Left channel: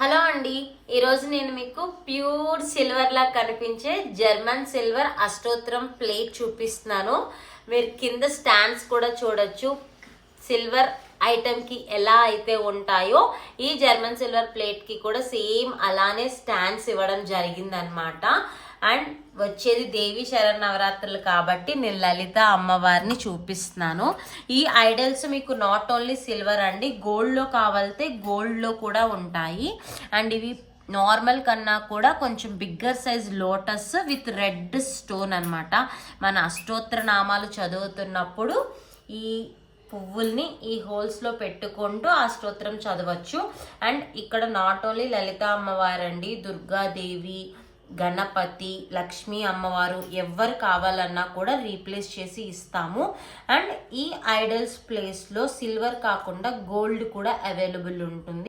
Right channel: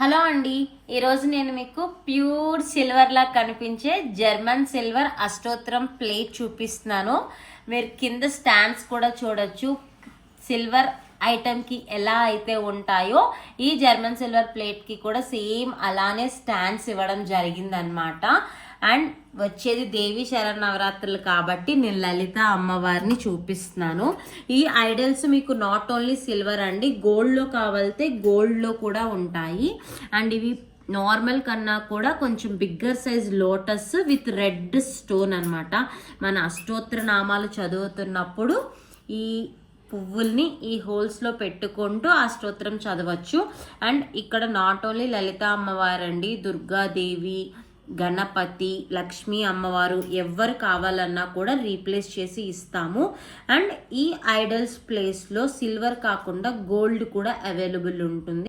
Hello అండి, ఈరోజు నేను మీకు ప్యూర్ సిల్వర్ లా కనిపించే జర్మన్ సిల్వర్ అష్టోత్తరం ప్లేట్ చూపిస్తున్నాను. మీరు కింద స్టాండ్స్ కూడా చూడొచ్చు. సిల్వర్ ఐటమ్ కి ఎలా అయితే ఉంటాయో ఈ జర్మన్ సిల్వర్ ప్లేట్ కి కూడా సేమ్ అలానే స్టాండ్స్ ఇవ్వడం జరిగిందనమాట. అండ్ వచ్చేది దేవి శరన్నవరాత్రులు కాబట్టి నేను లలిత అమ్మవారిని చూపిస్తున్నాను. ఈ ఐడల్స్ మీకు నాట్ ఓన్లీ సిల్వర్ అండి, గోల్డ్లో కావాలితే గోల్డ్లో కూడా ఉంటాయి. అండ్ ఇవి నార్మల్ కన్నా కూడా కొంచెం bigger size lotus with red stone అనమాట. మన అష్టోత్తర నామాలు చదువుతున్నప్పుడు ఈ పువ్వుల్ని ఈ హోల్స్లో పెట్టుకుంటూ ఆ స్తోత్రం చదవచ్చు. అండ్ ఇక్కడ నాట్ ఓన్లీ లలిత అమ్మవారండి, దుర్గాదేవి, గణపతి, లక్ష్మీ అమ్మవారు ఎవరు కావాలన్నా కూడా రీప్లేస్ చేసి ఇస్తాము. అండ్ ఈ ఐడల్స్ ప్లేస్లో సిల్వర్ కాకుండా గోల్డ్ కూడా అవైలబుల్ ఉంటుంది.